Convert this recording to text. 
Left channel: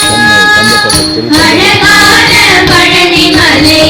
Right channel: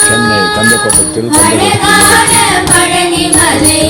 Chennai கந்தப்பட்டத்தில் கந்தப்பட்டி Palani Malai